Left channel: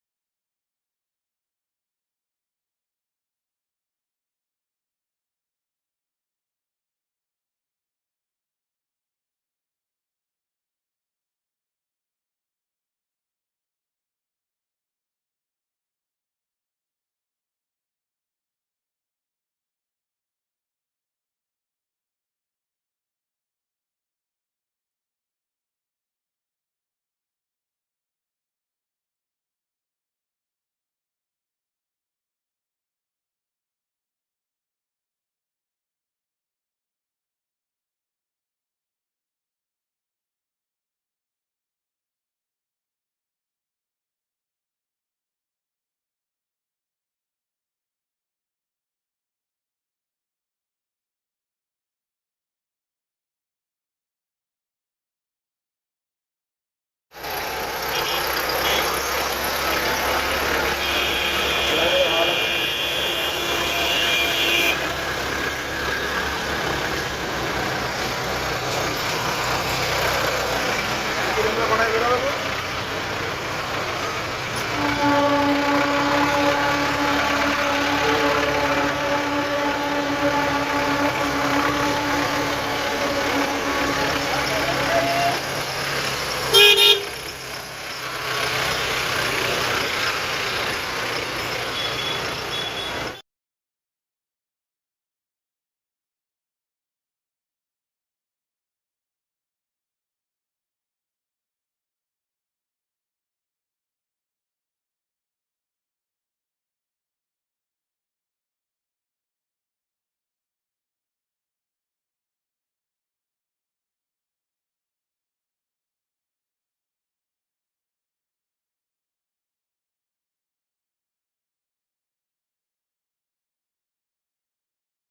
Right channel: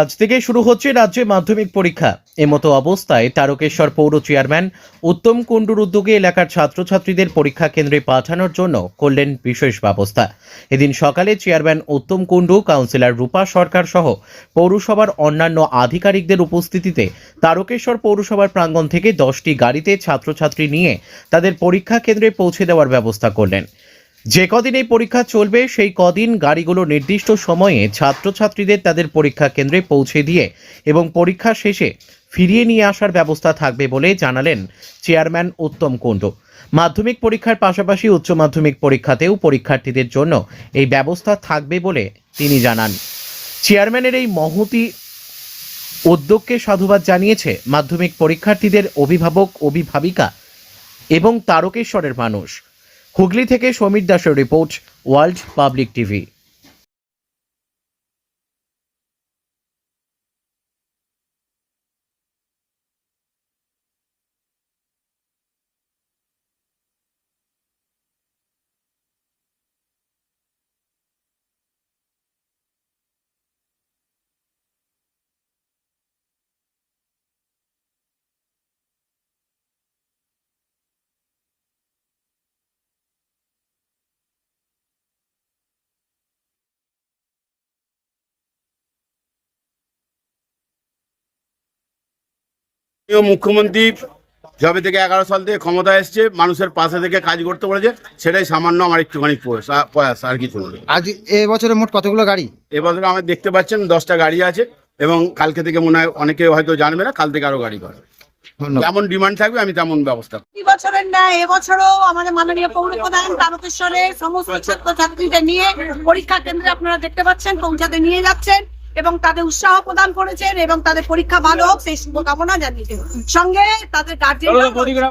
আজ থেকে শুরু হচ্ছে রাজ্যে মাধ্যমিক পরীক্ষা। এমতো অবস্থায় তারকেশ্বর পৌর চেয়ারম্যান উত্তম কুণ্ডুর উদ্যোগে এলাকার ছাত্রছাত্রীদের পরীক্ষা কেন্দ্রে পাঠানোর জন্য করলেন বিশেষ ব্যবস্থা। এদিন সকালে চেয়ারম্যান উত্তম কুণ্ডু, কাউন্সিলর রূপা সরকার সহ পৌরসভার অন্যান্য আধিকারিকদের উপস্থিতিতে তারকেশ্বর পৌরসভার প্রাঙ্গণ থেকে 10টি গাড়িতে ছাত্রছাত্রী নিয়ে তাদের পরীক্ষা কেন্দ্রে পৌঁছে দেওয়ার ব্যবস্থা করলেন। যে কদিন এই পরীক্ষা চলবে সেই কদিন গাড়িগুলো নির্দিষ্ট সময়ে ছাত্রছাত্রীদের তাদের পরীক্ষা কেন্দ্রে পৌঁছে দিয়ে এবং পরীক্ষা শেষে ফিরিয়ে নিয়ে আসার ব্যবস্থা থাকবে বলে জানালেন চেয়ারম্যান উত্তম কুণ্ডু। মাধ্যমিক পরীক্ষার পাশাপাশি উচ্চ মাধ্যমিক পরীক্ষাতেও পরীক্ষার্থীদের জন্য এই ব্যবস্থা থাকবে বলে তিনি জানান। চেয়ারম্যানের এই মহতি উদ্যোগকে সাধুবাদ জানিয়েছে মাধ্যমিক পরীক্ষার্থীদের অভিভাবক, অভিভাবিকা এবং তারকেশ্বরের মানুষ। হুগলি থেকে সমীর দাসের রিপোর্ট, ওয়ার্ল্ড পাবলিক টিভি। মুখ্যমন্ত্রী যবে থেকে 11 সাল থেকে ক্ষমতা এসছে, মানুষের পাশে থেকে কাজ করতে বলেছে, সেটাই সামান্য আমার একটুখানি প্রয়াস, আর কিছু না। আজ এবছরে মোট কতগুলো গাড়ি? এবছর আমার দেখতে পাচ্ছেন 10টা গাড়ি আছে এবং কালকে থেকে মনে হয় অনেকে হয়তো জানবে না, কাল থেকে আরো গাড়ি করে। যেমন ডিমান্ড থাকবে আমি তেমন ব্যবস্থা করব। এই বছরের ন্যায় এবছরও আমাদের মাননীয় পৌর প্রধান তারকেশ্বরের সমস্ত ছাত্রছাত্রীদের নিয়ে পরীক্ষা কেন্দ্রে আপনারা দেখতে পাচ্ছেন পৌঁছাতে নিয়ে যাচ্ছেন এবং তাদের উৎসাহ প্রদান করেছেন এবং তাদের পরীক্ষা ভালো হোক সেই শুভকামনা জানিয়েছেন। সঙ্গে তাদের গার্জেন